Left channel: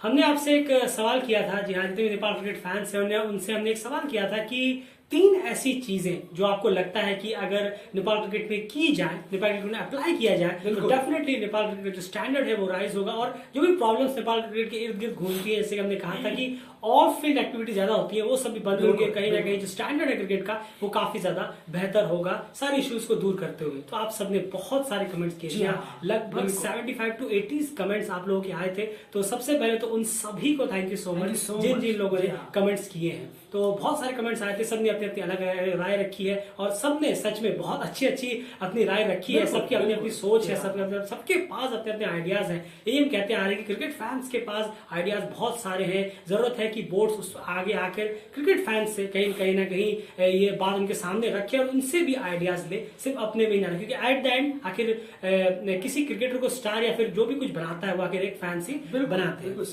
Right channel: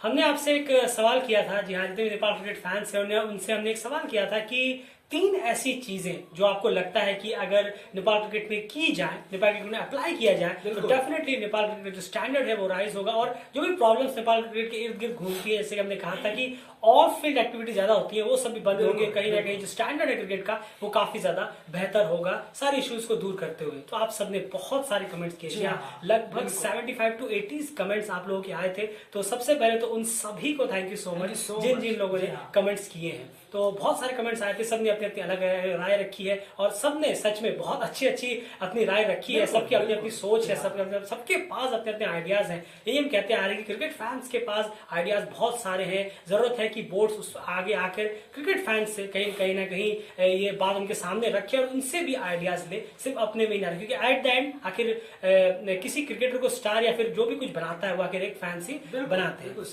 हमने आपसे एक सवाल किया था, जी हाँ, जितने भी नेपाल क्रिकेट फैंस हैं उनसे हमने एक सवाल किया था कि 3 ऐसी चीजें जो आपको लगता है कि अगर नेपाल क्रिकेट में की जाए, नेपाल क्रिकेट में अप्लाई किया जाए तो डेफिनेटली नेपाल क्रिकेट जो स्टैंडर्ड है वो राइज होगा और जो भी प्रॉब्लम्स नेपाल क्रिकेट के इर्द गिर्द घूमती है, जैसे कि हमने कहा था कि ऑफ फील्ड एक्टिविटी ज्यादा होती है, वो सब भी बंद होंगे। कहीं ना कहीं जो स्टैंडर्ड है क्रिकेट का वो काफी ज्यादा बेहतर होगा सारे इश्यूज को दूर करते हुए। तो आप सबने बहुत सारे कमेंट्स किए, लगभग 75 to 80 कमेंट्स आप लोगों के आए थे। तो सबसे पहले तो उन सभी को थैंक यू सो मच जिन जिन लोगों ने कमेंट्स किए हैं। तो बहुत सारे कमेंट्स आए थे, सबने अपनी अपनी अलग राय रखी है और सबने सच में बहुत अच्छी अच्छी अपनी राय रखी है। सबकी अपनी अपनी सोच है, सबके पास अपने अपने आइडियाज हैं। यही हम कहते आ रहे हैं कि क्रिकेट फैंस के पास आइडियाज बहुत सारे हैं। जरूरत है कि बोर्ड्स आगे आकर क्रिकेट फैंस से कहीं ना कहीं ये बात उनके सामने रखे और उनसे भी आइडियाज ले, सिर्फ अपने में ही ना रखे। क्योंकि एट द एंड आखिर किसी क्रिकेटर को स्टार या फिर जो भी कुछ बनाता है वो आखिर एक फैंस ही बनाते हैं।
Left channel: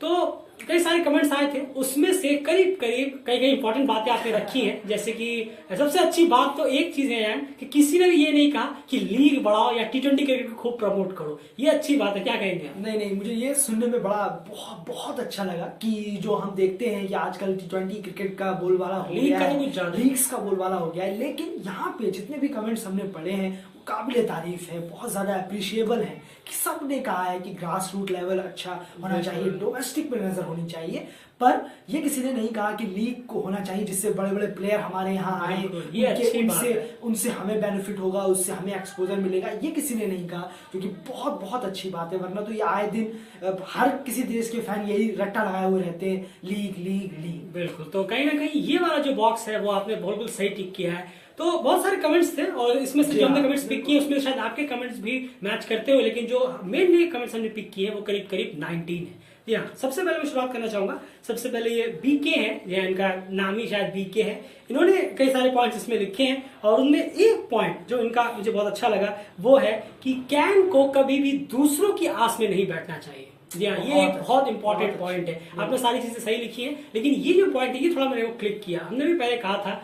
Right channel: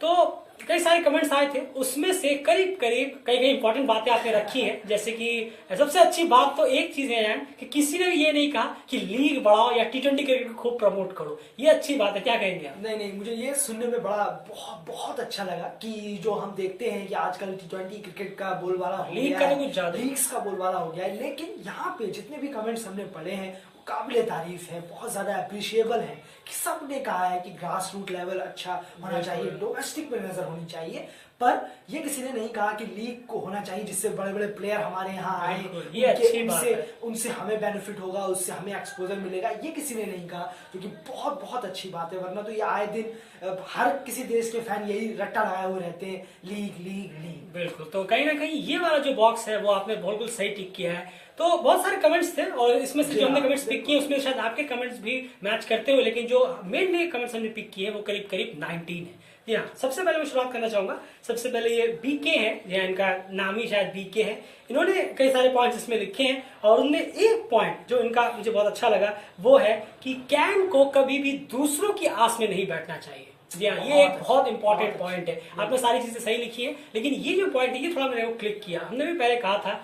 तो कई सारे कमेंट्स आए थे, उसमें से करीब करीब कई इंपॉर्टेंट बातें आपने रखी हैं। जैसे कि सबसे अच्छी बात तो एक चीज है यार कि किसी ने भी ये नहीं कहा कि लीग बढ़ाओ या T20 क्रिकेट को खूब प्रमोट करो। ये अच्छी बात है, क्या कहेंगे आप? नहीं, मुझे ये सुनने में बहुत अच्छा लगा कि जो हम देखते हैं कि आजकल T20 क्रिकेट का बोलबाला हो गया है, लीग्स का बोलबाला हो गया है। लेकिन यहाँ पे जितने भी कमेंट्स हमने पढ़े हैं वो काबिले तारीफ है, बहुत ज्यादा अप्रिशिएबल है कि सबने कहा है कि ग्रास रूट लेवल अच्छा होना चाहिए, डोमेस्टिक पे नजर होनी चाहिए। पर ये किसी ने नहीं कहा कि लीग को होना चाहिए जिससे बड़े बड़े प्लेयर हमारे यहाँ आए, उनसे हमें बेनिफिट होगा, उससे हमें एक्सपोजर मिलेगा। ये किसी ने नहीं कहा, क्योंकि बहुत अच्छी बात है। वरना तो ये आए दिन हर किसी देश के फैन यही रट्टा लगाए हुए रहते हैं, लीग लीग लीग। बिल्कुल, तो कहीं ना कहीं ये वाला जो बॉक्स है वो आपने बिल्कुल सही टिक किया है। तो बहुत सारे कमेंट्स थे और इसमें से जो हमने कमेंट्स पिक किए उसमें शायद आपके कमेंट्स भी मैच करते हुए, लेकिन जो मेनली कमेंट्स हमने पिक किए वो करीब 19 है। जी हाँ, सबसे पहले मैं शुरुआत करना चाहूंगा। सबसे पहले ये बीके है, या इनका नाम ही शायद बीके है। इन्होंने कई सारे पॉइंट्स इसमें लिखे हैं और उनमें एक पॉइंट जो इनका मुझे बहुत अच्छा लगा वो है कि कैन को कभी भी दूसरों की आस में नहीं बैठना चाहिए। जी हाँ, ये एक बहुत इंपॉर्टेंट पॉइंट है। आपने सारी चीजें सही लिखी है, लेकिन ये जो पॉइंट है ये थोड़ा मैंने क्लिक किया। हमने भी पहले कहा था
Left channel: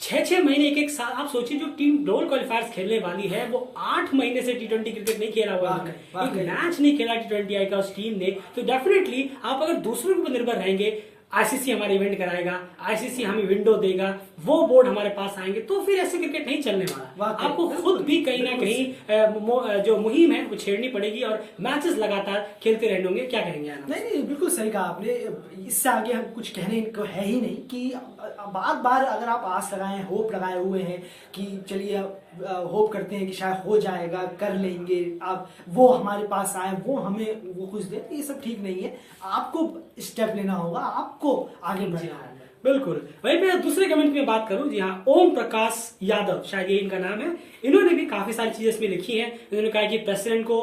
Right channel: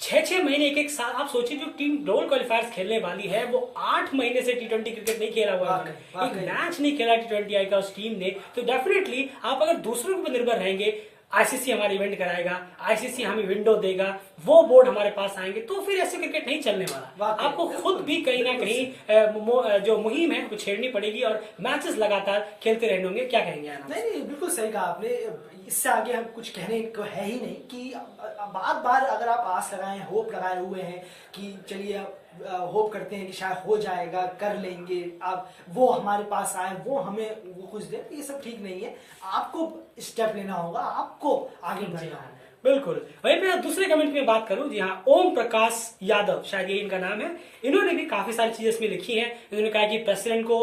6 महीने एक साल। आप सोचिए जो टीम रोल क्वालिफायर्स खेलने वाली है वो 8 महीने से T20 क्रिकेट नहीं खेला हुआ है, एक मैच नहीं खेला T20 आई का उस टीम ने। तो डेफिनेटली आप अगर दूसरों के ऊपर निर्भर रहेंगे, आईसीसी हमारे इवेंट कराएगा, आईसीसी हमें विंडो देगा, वो बोर्ड हमारे पास आएंगे, तो फिर ऐसे क्रिकेट नहीं चलने वाला। आपको खुद भी कहीं ना कहीं जो मुहिम है वो छेड़नी पड़ेगी और मैचेस लगातार खेलते रहने होंगे। क्या कहेंगे आप? नहीं, बिल्कुल सही कहा आपने। इससे आगे हम कुछ कहने को है ही नहीं कि बार अगर आप आस लगाए, होप लगाए हुए हैं कि चलिए होप करते हैं कि शायद हो जाएगा, कर लेंगे, अब वो हमारे पास आए, वो हमें वो कुछ दे, ये सब ठीक नहीं है। आपको स्टेप लेना होगा, आपको आगे बढ़ना है। बिल्कुल। वहीं पे दूसरे कमेंट में बात करूं, जी हाँ, ओम प्रकाश यादव शायद ये इनका नाम है। इन्होंने भी काफी सारी चीजें इसमें लिखी हैं। इन्होंने कहा कि प्रेसिडेंट को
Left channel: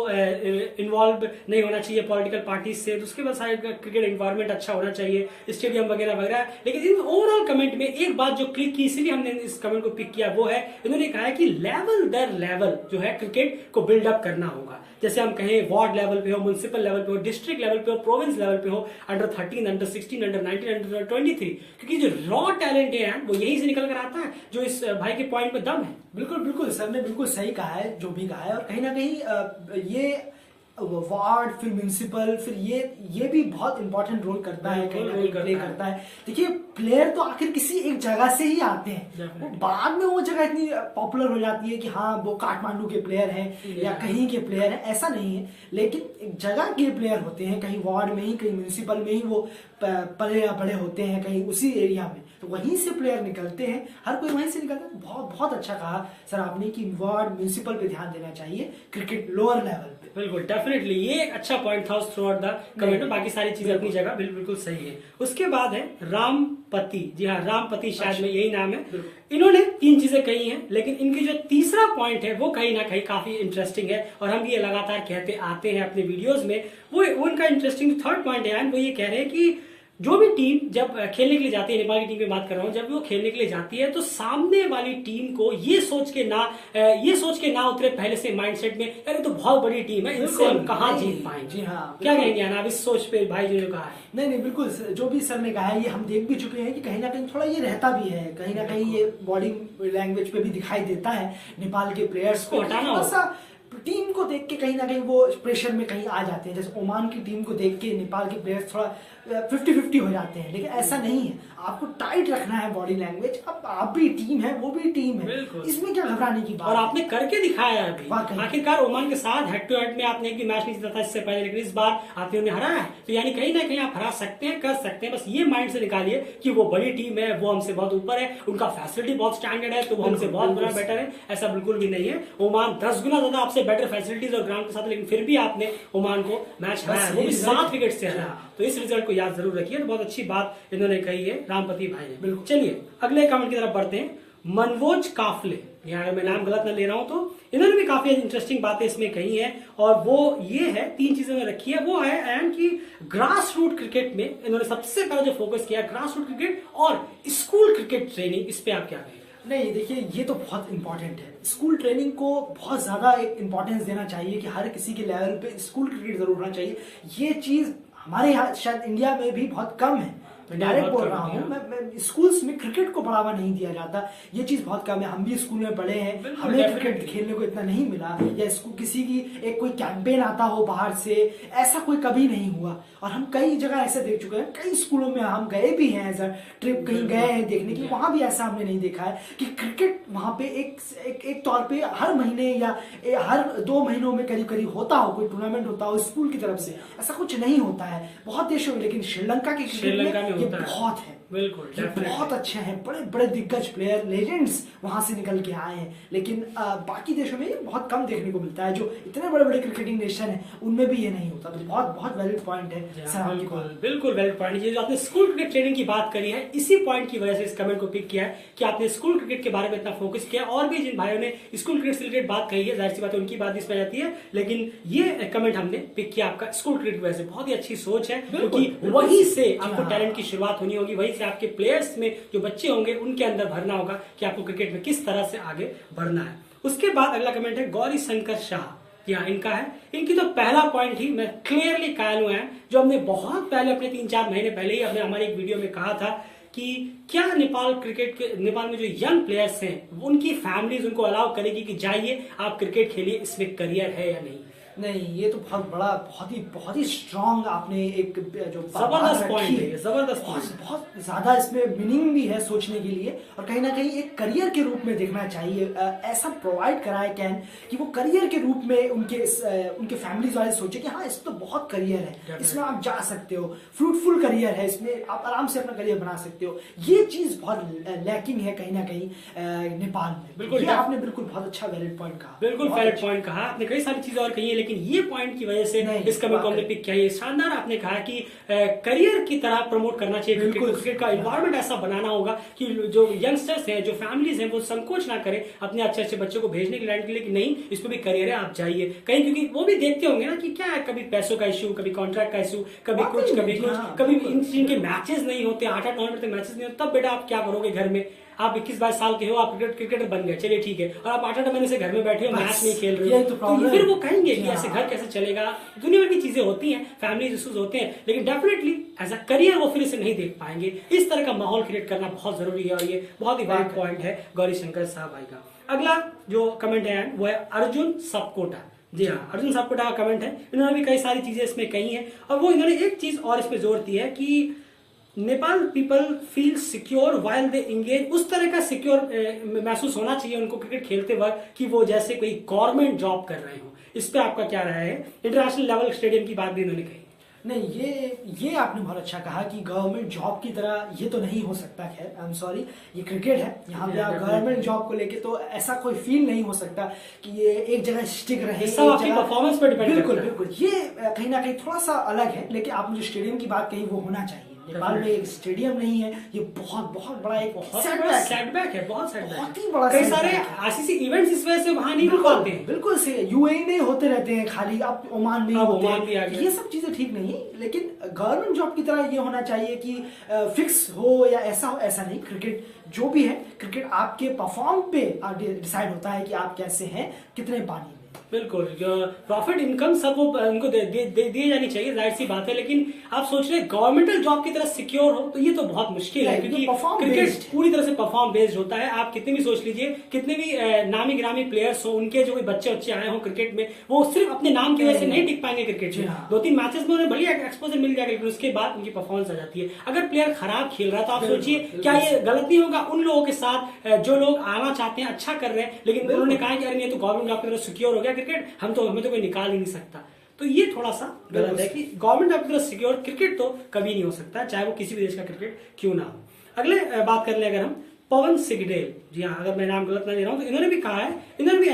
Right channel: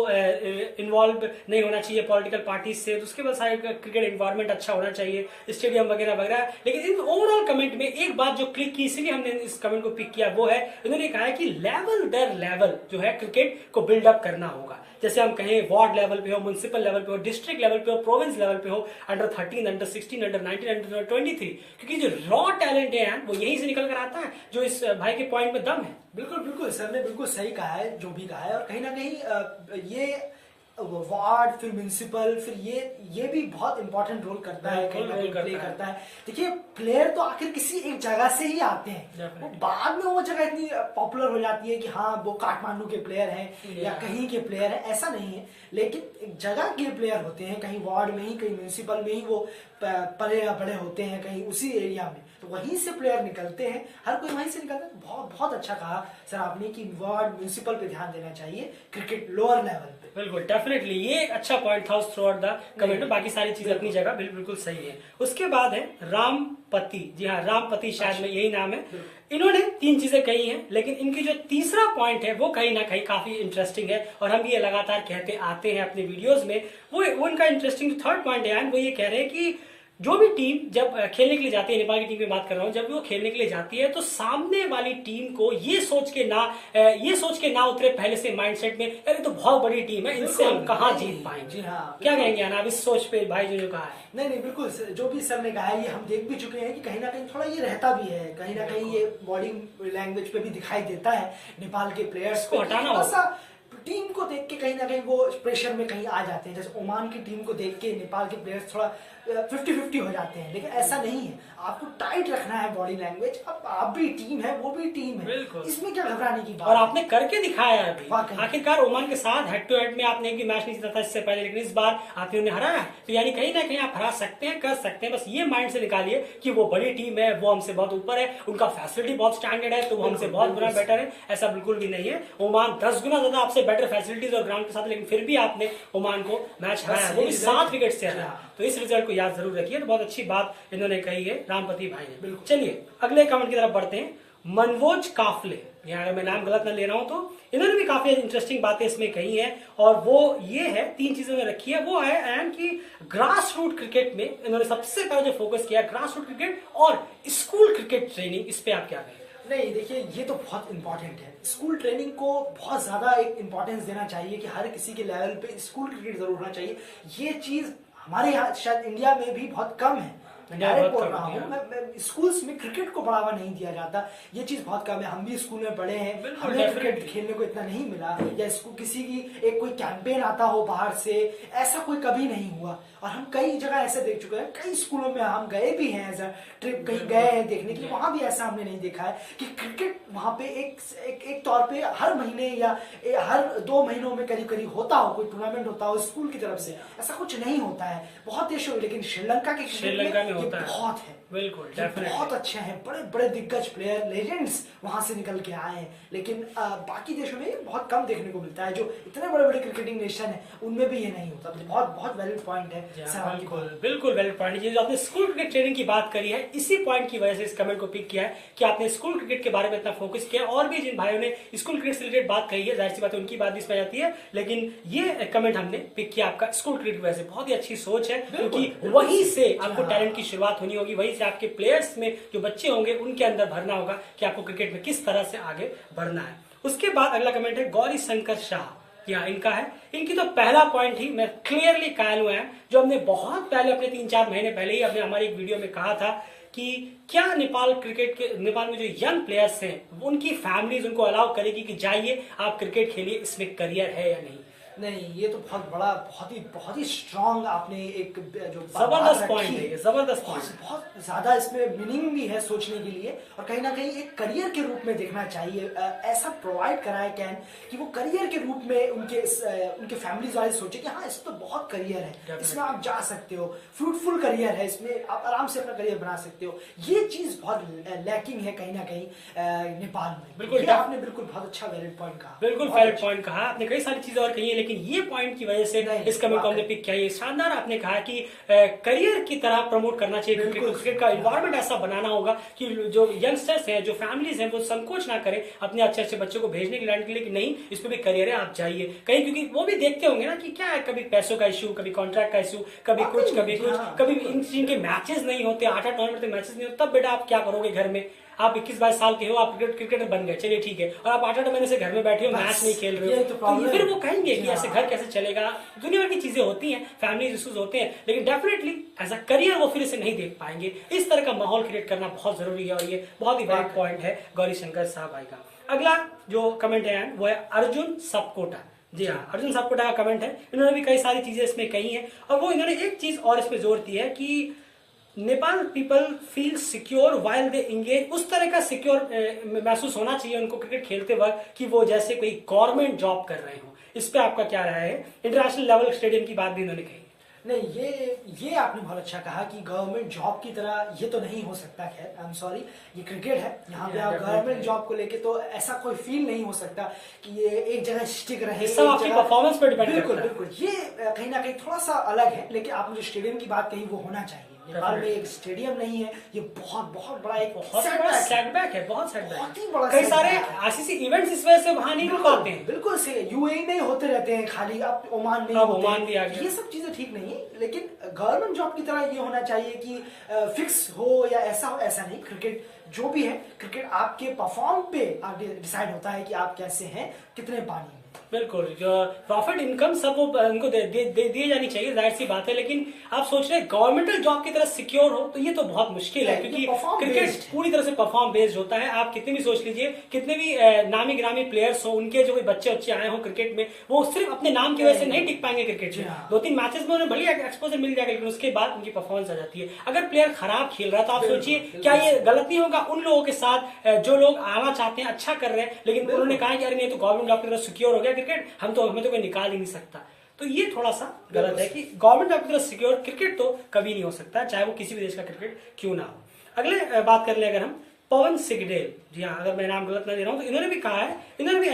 इन्वॉल्व नहीं होना चाहिए पॉलिटिकल पार्टी से, तो उसके बाद सारे क्रिकेट एनवायरनमेंट अच्छा होना चाहिए, स्टेडियम वगैरह वगैरह। लेकिन इन ओवरऑल कमेंट में एक बात जो क्लिक की, इसीलिए हमने इस कमेंट को पिक किया, वो है इन्होंने कहा है कि लेवल दर लेवल जो है क्रिकेट को बिल्डअप करना होगा। जैसे हम कहें वार्ड लेवल पे हो, म्युनिसिपल लेवल पे हो, डिस्ट्रिक्ट लेवल पे हो, प्रोविंस लेवल पे हो, अंडर 13, अंडर 16, अंडर 19, अंडर 23, क्योंकि जो रॉ टैलेंट है वो यहीं से निकल कर आता है, जो इस भाई के पॉइंट में दम है। बिल्कुल सर ने बिल्कुल सही कहा है जो भी कहा है। और कहीं ना कहीं ये वार्ड, फिर म्यूनिसिपल, फिर ये भी बहुत इंपॉर्टेंट रोल करता है, प्ले करता है। देखिए, प्लेयर तो आखिर किसी एक जगह से ही आते हैं, बाद में वो जगह इतनी पॉपुलर हो जाती है कि हाँ वो काठमांडू के प्लेयर हैं या कहीं के प्लेयर हैं, ऐसा नहीं है। लेकिन एक जगह के प्लेयर होते हैं, कहीं वार्ड में ही, कहीं म्यूनिसिपल में ही वो पले या बड़े होते हैं, कहीं उसी एरिया में, तो वहीं से प्लेयर निकलते हैं, हर कोई वहीं से निकलता है। बहुत अच्छा कहा सर आपने कि वार्ड, म्यूनिसिपल पे ध्यान देना चाहिए, क्रिकेट लोअर लेवल पे। बिल्कुल, डेफिनेटली ये एक अच्छा पॉइंट था थ्रू आउट द कमेंट में। बाकी सारी चीजें अपनी जगह बिल्कुल सही है। उसके बाद है रामपति, जी हाँ, रामपति शायद में यही नाम है। इन्होंने 3 चीजें कही हैं, लेकिन इनकी जो तीसरा पॉइंट है वो कहीं ना कहीं काफी इंटरेस्टिंग है और हम ये लगातार कहते आते हैं अपने वीडियोस में। वो उनका इंटरेस्टिंग थर्ड पॉइंट है, वो ये कह रहे हैं कि जो भी टीम जब खेलने के लिए जाती है, नेपाल की टीम में बात कर रहा हूं, जब वो खेलने के लिए जाती है तो सामने वाली टीम को ये सोच के ना उतरे पहले से माइंडसेट में, अरे तो बहुत बड़ी टीम है, इनसे हम कहाँ जीत पाएंगे। जी हाँ, क्या कहेंगे आप इस सोच पे भाई जो कहा है? नहीं, बिल्कुल जो भी सर ने कहा है ये हम देख भी चुके हैं कि कहीं ना कहीं थोड़ा ये रहता भी है, कहीं ना कहीं ये बॉडी लैंग्वेज पे भी दिखाई देता है। नेपाल के प्लेयर्स को हटाना टीम को देख के कहीं ना कहीं वो प्रेशर में कहीं आ जाते हैं। जैसे ओमान की टीम को देख के नेपाल के प्लेयर्स थोड़ा 50-50 हो जाते हैं, लेकिन ऐसा नहीं है। आपको टाइट रखना है बॉडी लैंग्वेज। अब आप भी टीम है, वो भी टीम है, इसमें क्या घबराने की बात। और आपने करके दिखाया है अभी। आखिरकार ओमान के साथ हेड टू हेड में आपने एक भी मैच नहीं जीता था इससे पहले, लेकिन इस बार आपने उन्हें हराया। तो यानी कहीं ना कहीं आप हरा सकते हैं, कर सकते हैं। बस ये माइंड से निकालिए कि वो बड़ी टीम है, वो हमसे बहुत ऊपर है, उनका फैसिलिटी बहुत स्टैंडर्ड है, तो वो हमसे बहुत बुरा बेटर है। ऐसा बिल्कुल भी नहीं है। ओमान 10 गुना ज्यादा आपसे बेटर फैसिलिटीज और ग्राउंड के साथ, लेकिन फिर भी आपने ओमान को मैच हराया, वो भी 7 विकेट से हराया। तो इस रिजल्ट को याद जरूर रखिए। तो बहुत अच्छी बात इन्होंने कही है रामपति भाई ने। चलिए अगले कमेंट की तरफ बढ़ते हैं। मनवोज काफले, यहाँ अगर मैं नाम गलत न ले रहा हूं तो इन्होंने भी काफी इंटरेस्टिंग बातें इसमें कही है, और वो ये है 3 चीजों में रखी है। वो है एंड कि ग्रास रूट क्रिकेट में इन्होंने सबसे पहले जो फोकस किया ग्रास रूट क्रिकेट और स्कूल क्रिकेट ट्रेनिंग, इस पे आप क्या कहें? नहीं देखिए, ये तो बहुत इंपॉर्टेंट है। स्कूल ट्रेनिंग को बहुत ज्यादा इंपॉर्टेंस देना चाहिए कि हर किसी के लेवल पे स्कूल क्रिकेट जरूर होना चाहिए। ये चीज हमारे यहाँ शायद इंडिया में भी बहुत कम है। मैं डायरेक्ट बोल रहा हूँ, मैं स्कूल्स में क्रिकेट को बढ़ावा नहीं दिया जाता, ये चीज बहुत कम है। हम भी स्कूल में पढ़े हैं, हमें क्रिकेट खेलने को इतना नहीं मिला, या स्कूल किसी की एक कोई कैंपेन आता हो बाहर से, ऐसा कोई कभी नहीं हुआ। और हम कई जगह ऐसे देख चुके हैं, कई स्कूलों में हम गए भी हैं, एज अ ट्रिप कहीं गए हैं देखने के लिए, वहां भी ऐसा हमने नहीं देखा है कि क्रिकेट वहां पे एक तौर पे हर महीने या हर 2 महीनों में करीब करीब होता हो, कोई टूर्नामेंट होता हो स्कूल की तरफ से। ऐसा कुछ नहीं होता है बहुत देशों में, लेकिन श्रीलंका के क्रिकेट में बहुत है। बिल्कुल, बहुत अच्छे हैं, बड़े बड़े दिग्गज प्लेयर, लेजेंड्स वहां से निकल के आए हैं। लेकिन बाकी देशों में बहुत कम देखने को मिलता है। जो इतने बड़े बड़े क्रिकेटिंग नेशन है उनमें भी ये नहीं होता। तो बहुत बहुत वैलिड पॉइंट है। बिल्कुल वैलिड पॉइंट। ये जो आपने स्कूल क्रिकेट ट्रेनिंग की बात करी है, इसी पॉइंट की वजह से इस कमेंट को पिक किया है कि आपने स्कूल क्रिकेट के बारे में इतना फोकस किया। और भी जिन भाइयों ने स्कूल क्रिकेट से रिलेटेड बात कही है, जाहिर सी बात है उनकी बात इसमें जाती है, लेकिन ये कमेंट हमने पिक किया आपका स्कूल क्रिकेट की वजह से। बहुत ही अच्छी सोच है, क्योंकि वहीं से आपको टैलेंट की शुरुआत होनी होगी, वहीं से आपके प्लेयर्स में जो बच्चे होंगे उनके अंदर भरना होगा कि आपको क्रिकेट में किस तरह से आगे बढ़ना है। उसके बाद अगला कमेंट है गौरी शंकर शाह। यहाँ इनका है, इनकी तो पहला पॉइंट ही मैं क्लियरली कायल हुआ है, जो हमने बहुत पहले अपने 3-4 महीने पहले ही अपने हमारे एक वीडियो में कहा था कि क्या नेपाल में जो यंग प्लेयर्स हैं उनकी फैमिलीज उनको अलाउ करेगी कि जाइए आप क्रिकेट खेलिए, इसमें करियर है या नहीं। नहीं, ये तो बहुत बड़ा, बहुत ही स्ट्रांग आपने एक जो जबरदस्त पॉइंट है, जबरदस्त बहुत ज्यादा इसमें मीनिंग भी है सोचने के लिए। और कहीं ना कहीं एक करियर के रूप में देखना चाहिए। ऐसा प्रोवाइड कराए कैन कि वो करियर के रूप में उनके फैमिली वाले सोचे कि हाँ इसमें तो बहुत करियर है, इसमें आप जा सकते हो, फ्रूटफुल करियर है, इसमें आप आराम से अपना करियर बना सकते हो। ये चीज बहुत लैकिंग है कहीं ना कहीं नेपाल में। बिल्कुल, आपने बिल्कुल बहुत अच्छा वैलिड पॉइंट कहा। बिल्कुल वैलिड पॉइंट कहा आपने। कई सारी चीजें और कही है, लेकिन ये पॉइंट की वजह से इस कमेंट को हमने पिक किया। ये शानदार आपने कहा कि करियर की तरह प्रमोट करना चाहिए क्रिकेट का इन्वायरमेंट ऐसा बनाना होगा कि जो यंगस्टर्स हैं, जो फैमिलीज हैं, वो संकोच ना करें अपने अच्छे अच्छे बच्चों को भेजने के लिए कि नहीं इस पे भी करियर है, आप जाइए कहीं, क्योंकि वो भी देखते होंगे ना कि क्या है, कभी पैसों का इशू, कभी कॉन्ट्रैक्ट का इशू, कभी कुछ कभी इनके मैचेस नहीं होते, 8-8 टूर्नामेंट तक मैचेस नहीं होते, तब बेटा आप क्या करोगे घर में। आप 21-22 साल के हो, आप क्रिकेटर बन गए, चलिए ठीक है, और आप 8-8 महीने से घर में बैठे हो, मैच नहीं खेल रहे हो, तो फिर वो कहेंगे कि ऐसे घर कैसे चलेगा। दुनिया में भी चीजें होती हैं, फैमिली इश्यूज होते हैं, लेकिन डेफिनेटली एज अ करियर वो फिर इसे नहीं देख पाएंगे। इस तरह का माहौल क्रिएट करना बहुत जरूरी है, और ये बहुत ही वैलिड पॉइंट है गौरी शंकर साहब भाई का। अगला जो कमेंट है वो है अर्जुन सपकोटा। जी हाँ, अर्जुन सपकोटा का कमेंट है। इन्होंने भी कई सारी चीजें इसमें कही है, और वो इन्होंने एक चीज और इसमें जोर दी है कि Nepal people feel secure while they engage. उस तरह का सिक्योर महसूस होना चाहिए उनको क्रिकेट खेलते वक्त कि वो जैसे कोई गवर्नमेंट जॉब कर रहे हो। इस पे आपका क्या राय है? इंटरनेशनल लेवल स्टेडियम की बात भी इन्होंने कही। नहीं, ये आपने बहुत अच्छा कहा कि गवर्नमेंट जॉब की तरह ये तो नहीं हो सकता। खैर आई एम सॉरी, ये क्रिकेट है, यहाँ पे आप गवर्नमेंट जॉब को लेके तो ऐसा कोई फील नहीं हो सकता कि ये एक जगह स्टिक रहे, सब आपकी परफॉर्मेंस पर डिपेंड करता है। बिल्कुल, ये कहीं ना कहीं थोड़ा सा अलग है। लेकिन आपने जो स्टेडियम की बात कही वो होना चाहिए। नेपाल में एक स्टेडियम नहीं है, ये बहुत बड़ा एक सेटबैक है, बहुत सेटबैक। कई सारे आईसीसी इवेंट्स इस वजह से वहां नहीं हो पाते हैं। बिल्कुल से यूएई में होते रहते हैं खाली, अब ओमान में ओमान भी आ गया। ये सब चीजें ठीक नहीं है, लेकिन गवर्नमेंट जॉब की तरह ये होना चाहिए कि फिक्स हो या ऐसा हो, ऐसा नहीं। क्रिकेट जो भी है, क्रिकेट आपके परफॉर्म पे डिसाइड होता है कि आप कैसे हैं, कितने पानी में। बिल्कुल, जो प्रॉफिट इनकम सब वो उनको दिए जानी चाहिए, जाहिर सी बात है। लेकिन आप सोच रहे हैं गवर्नमेंटल जॉब की तरह सिक्योर हो, तो ये तो बहुत मुश्किल है, क्योंकि क्रिकेट पूरी तरह से परफॉर्म बेस्ड होता है। आप कितने भी सोच लीजिए, कितने भी नामी गिरामी प्लेयर्स हो, उनके जो भी बच्चे आए हो क्रिकेट में, वो सिर्फ अपने नाम की वजह से नहीं टिक पाएंगे क्रिकेट में। 2-3 मैचेस में उन्हें बढ़िया एक्सपोजर मिल जाएगा, लेकिन उसके बाद उनकी परफॉर्मेंस आ जाती है। अगर प्लेयर खराब खेल रहा है तो आप सोचिए क्या ये गलत नहीं होगा उन लोगों के साथ जो लोग आना चाहते हैं, अच्छा कर रहे हैं, लेकिन उन्होंने कहा कि अरे नहीं, तो गवर्नमेंट जॉब की तरह सिक्योर हो गया क्रिकेट, हमें तो कोई निकाल ही नहीं सकता। तो ये थोड़ा सा गलत है कि गवर्नमेंट जॉब की तरह सिक्योर क्रिकेट तो कभी नहीं हो सकता, चाहे वो किसी भी देश का क्रिकेट क्यों ना हो। अगले बात कर ले अगर हम पवन सिगडेल, जी हाँ, अगर मैं नाम गलत ना दे रहा हूं, तो इन्होंने भी कहा है, इन्होंने भी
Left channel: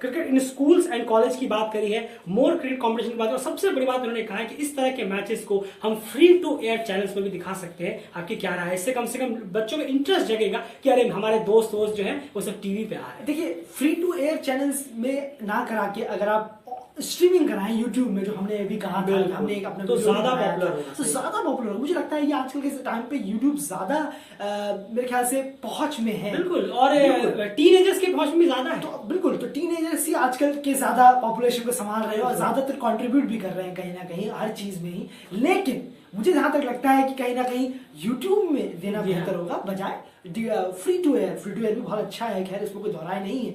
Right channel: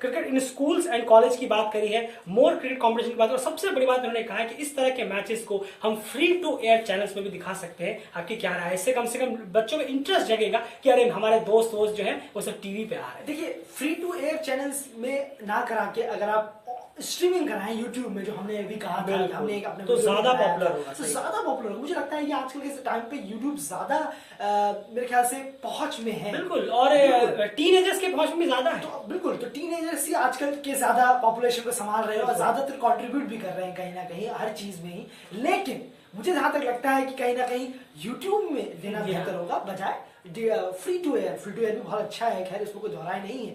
cricket in schools and college की बात करी है, मोर क्रिकेट कॉम्पिटिशन की बात, और सबसे बड़ी बात उन्होंने कहा है कि इस तरह के मैचेस को हम फ्री टू एयर चैनल्स में भी दिखा सकते हैं। आपकी क्या राय है? इससे कम से कम बच्चों में इंटरेस्ट जगेगा कि अरे हमारे दोस्त जो है वो सब टीवी पे आ रहे हैं। देखिए, फ्री टू एयर चैनल्स में ना करा के अगर आप स्ट्रीमिंग कराएं यूट्यूब में, जो हमने अभी कहा था, हमने एक अपने तो ज्यादा पॉपुलर होगा, तो ज्यादा पॉपुलर होगा। मुझे लगता है कि आजकल के टाइम पे यूट्यूब ज्यादा मेरे ख्याल से पहुंच में है। बिल्कुल, और टीनेजर्स के पहुंच में ज्यादा है। तो बिल्कुल, तो टीनेजर्स ही आजकल के ज्यादा पॉपुलेशन को संभाल रहे हैं और ज्यादातर कंट्रीब्यूट भी कर रहे हैं कहीं ना कहीं हर चीज में ही। लेकिन मुझे जहां तक लगता है कि कहीं ना कहीं यूट्यूब में देना बेहतर होगा बजाय free to air. Free to air भी बहुत अच्छा है, खैर इसमें कोई दोहराई नहीं है।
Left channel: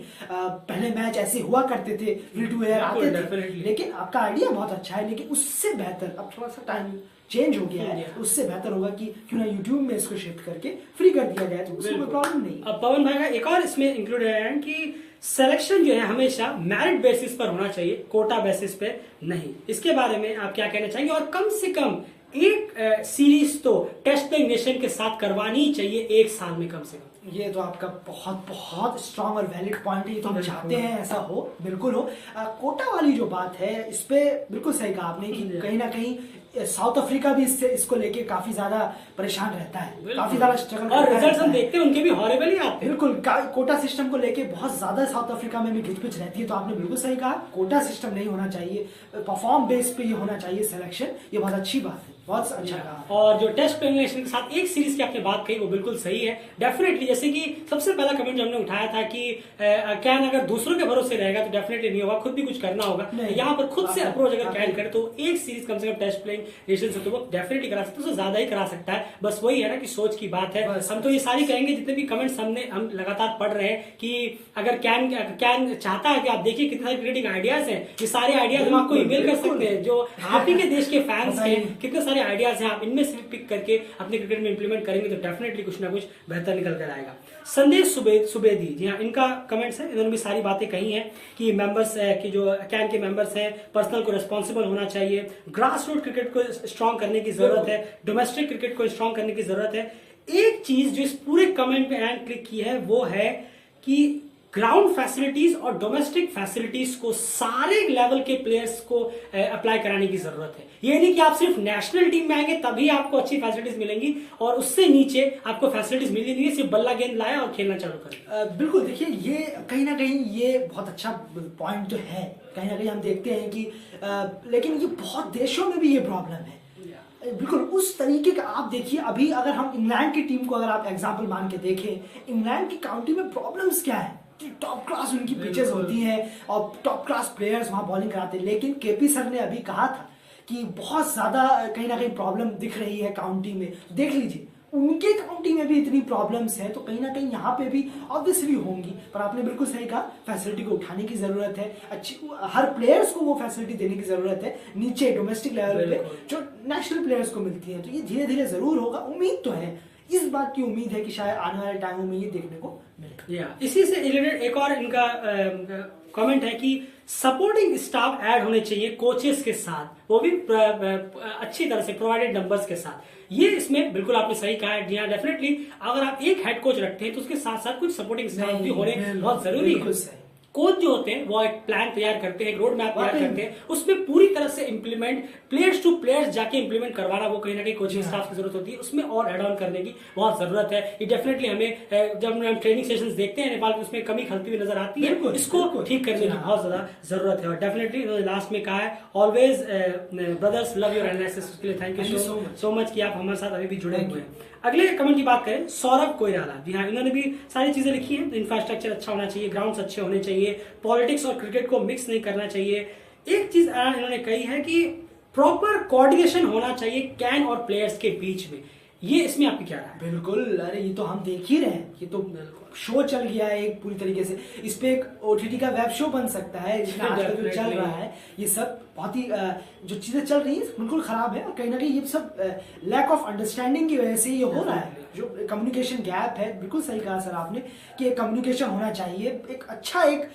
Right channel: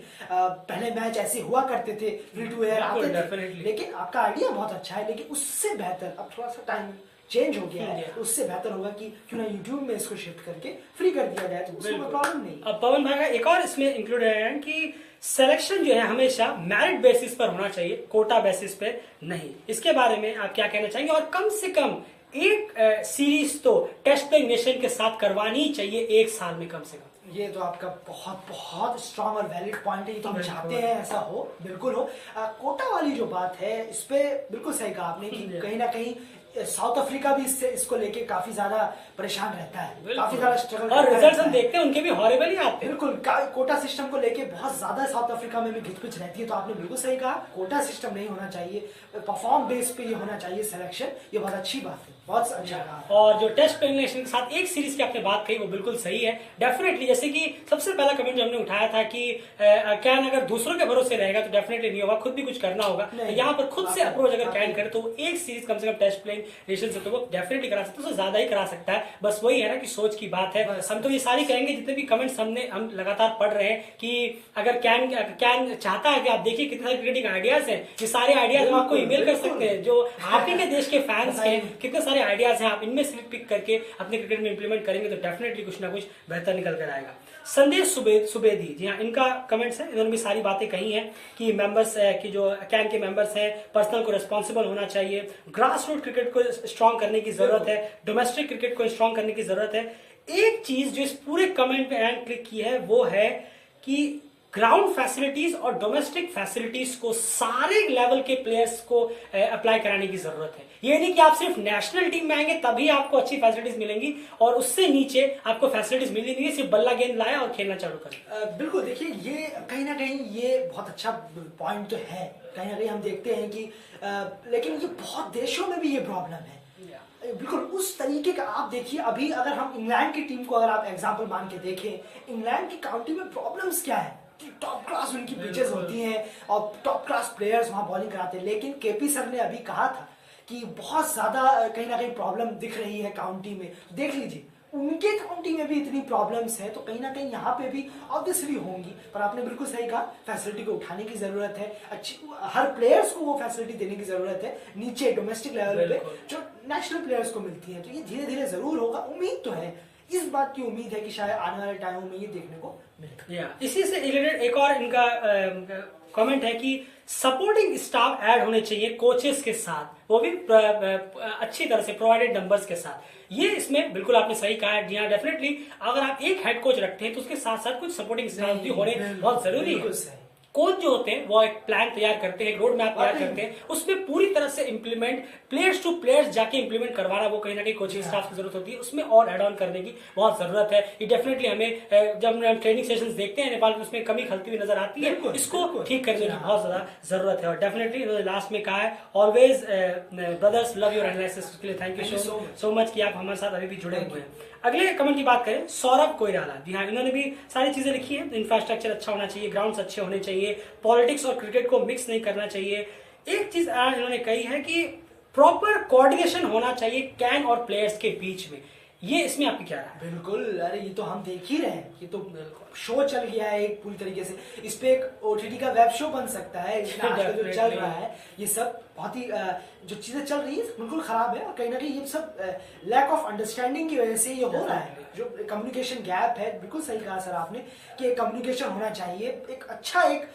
पहले मैच ऐसे हुआ करते थे, फ्री टू एयर आते थे, लेकिन आपका आइडिया बहुत अच्छा है। लेकिन उससे बेहतर अब थोड़ा सा टाइम चेंज हो गया है, उससे बेहतर होगा कि क्यों ना यूट्यूब में इसको शिफ्ट करके फ्री कर दिया जाए, तो उसमें कोई प्रॉब्लम नहीं। अब पवन भाई का एक और इसमें इंक्लूड है कि सिलेक्शन जो है हमेशा मेरिट बेसिस पर होना चाहिए, कोटा बेसिस पे नहीं। इसके बारे में आप क्या कहना चाहेंगे? और कम से कम एक सीरीज तो टेस्ट प्लेइंग नेशन के साथ करवानी ही चाहिए एक साल में कम से कम। ये तो आपका बहुत बहुत स्ट्रांग और वैलिड पॉइंट है, ये तो हम चाहते हैं ऐसा हो, बिल्कुल हो। कोटा वाली जो बात है, इस पे बिल्कुल सही कहा आपने कि कहीं ना कहीं साउथ अफ्रीका भी इसको लेके काफी ज्यादा परेशान रहता है, काफी ज्यादा स्ट्रगल, और रिजल्ट हम देखते हैं उनके भी हॉरिबल ही आते हैं। बिल्कुल, कोटा सिस्टम को लेके बहुत ज्यादा साउथ अफ्रीका में भी घिचपिच रहती है। तो आपने बिल्कुल सही कहा, कोटा सिस्टम नहीं होना चाहिए, परफॉर्म बेस पे ये होना चाहिए सिलेक्शन, ये बहुत अच्छी बात है, बहुत अच्छा कहा। और जो टेस्ट प्लेइंग नेशन के साथ एक सीरीज की आपने बात कही वो बिल्कुल सही है, डेफिनेटली। जैसे कि सबसे पहला कमेंट जो हमने उठाया था कि कैन अगर दूसरों के भरोसे रहेगा तो डेफिनेटली नहीं होगा, खुद भी कुछ करना होगा। यहाँ पर खुद से अप्रोच अगर कैन करे तो एक सीरीज कम से कम टेस्ट प्लेइंग नेशन से तो वो डेफिनेटली करा सकता है, उससे ज्यादा ही करा सकता है। बस वही है ना कि सोच की बात है। हम तो ये सारी कहेंगे, जितने भी कमेंट्स हम लगातार पढ़ रहे हैं कि अगर कैन चाहता है कि आप देखिए कितने सारे क्रिकेटिंग आइडियाज हैं, ये सारे आइडियाज हम आपको ईमेल कर सकते हैं, जो आप ही के देश के फैंस हैं, कितने सारे आइडियाज हैं, आप इनमें से पिक करके अपने क्रिकेट में इंप्लीमेंट करेंगे तो डेफिनेटली कुछ ना कुछ बेहतर निकल कर आएगा। संदेश सुबेदी, जी हाँ, इनका कमेंट्स है, इन्होंने भी सारी बातें कही हैं कि मेंबर्स की जो कैन के मेंबर्स हैं पर्सनल को रिस्पॉन्सिबल होना चाहिए, ग्रास रूट क्रिकेट को स्ट्रॉन्ग करने की जरूरत है, डोमेस्टिक क्रिकेट को स्ट्रॉन्ग करने की जरूरत है। एक चीज जो इस पूरे कमेंट में एंड क्लिक की है वो है कि ग्राउंड फैसिलिटीज और डोमेस्टिक फैसिलिटीज को सारे लेवल के प्लेयर्स को अप्लाई कराने की जरूरत है। ये नहीं कि आप सिर्फ नेशनल टीम में आएंगे तभी आपको अच्छी फैसिलिटीज मिलेंगी और उससे नीचे आपको फैसिलिटीज मिलेंगी नहीं, सिर्फ बल्ला गेंद लाए और खेलना चालू करें। बिल्कुल, देखिए ये कहीं ना कहीं ये बहुत अच्छा पॉइंट तो है, कहीं ना कहीं हम देखते हैं कि लेकिन ये बहुत देशों में भी ये प्रॉब्लम है। बिल्कुल उस तरीके का आप देखिए, अभी अगर हम इंग्लैंड की टीम को अगर आप एग्जांपल मान के देखें, इंग्लैंड की काउंटी में प्रॉब्लम्स क्या है कि टॉप क्लास उनकी पिचेस होती हैं और टॉप क्लास प्लेयर्स वहां बॉलिंग कराते हैं। लेकिन केपी सर ने अभी कहा था कि बहुत ज्यादा कहीं ना कहीं प्रॉब्लम दिख रही है काउंटी में। देख लीजिए उनके काउंटी में भी इतनी प्रॉब्लम्स है, तो कहीं ना कहीं यहाँ पे भी ऑब्वियसली होंगी। पर आपने बिल्कुल सही कहा, फैसिलिटी को उठाने की जरूरत है, अच्छी हर प्लेयर्स को वो फैसिलिटी देने की जरूरत है नीचे डोमेस्टिक लेवल पे जो नेशनल प्लेयर्स को मिलती है। तो ये धीरे धीरे जरूर होगा, उम्मीद तो है, इस बात की उम्मीद है कि शायद आने वाले टाइमों में ये देखने को मिले। इसी से रिलेटेड एक और इनका कमेंट है कि सपोर्टिंग स्टाफ ऐड होने चाहिए कोचेस के साथ, वो भी अच्छी तरह से प्रोवाइडेड नंबर्स के साथ। ये इसमें बिल्कुल आपने सही कहा है। जी हाँ, डेफिनेटली अगर आप एक हेड कोच रखते हैं तो उसके साथ साथ कुछ सपोर्टिंग स्टाफ भी होने बहुत जरूरी है। कोच जो होते हैं वो एक प्लान तैयार करते हैं, एक रोड मैप तैयार करते हैं, उसमें पूरी तरह से इंप्लीमेंट प्लेयर्स टू प्लेयर्स जाके इंप्लीमेंट करवाना, वो कहीं ना कहीं कोचिंग स्टाफ की जरूरत होती है, उसमें और एड ऑन करने की बहुत जरूरत है। ये डेफिनेटली हमें जब हम ट्रेनिंग सेशंस देखते हैं नेपाल में, उसमें कमी खलती हुई नजर आती है, इसको ठीक करने की बहुत ज्यादा जरूरत है। और डेफिनेटली लास्ट में कहा है, always brothers love your analysis, के लिए थैंक यू सो मच कि आप हमारे साथ अभी भी जुड़े हुए हैं। अगले कमेंट की बात करें, सौरभ कोइराला, जी हाँ, इन्होंने भी सारी चीजें लिखी है। इंफ्रास्ट्रक्चर अच्छा होना चाहिए, ग्राउंड्स अच्छे होने चाहिए, चाहिए, पॉलिटिक्स और क्रिकेट को मिक्स नहीं करना चाहिए। एक चीज इन्होंने कही है कि प्रॉपर कोऑर्डिनेशन होना चाहिए कैन और प्लेयर्स के बीच में। ये इसमें आपकी क्या राय है? बिल्कुल, अरे ये तो हम देख ही रहे हैं, ये तो शो चल गया है एक पूरी तरीके से। इस पे एक ओटीटी का वेब शो बन सकता है, इसमें आजकल जो चल रहा है ये सब बहुत ही जो चीजें चल रही है बिल्कुल खराब है, और कहीं ना कहीं ये सब लैक ऑफ अंडरस्टैंडिंग की वजह से ये हो रहा है। जो कम्युनिकेशन गैप है, बिल्कुल सही कहा सर आपने कि एक कम्युनिकेशन होना चाहिए, एक अच्छा एक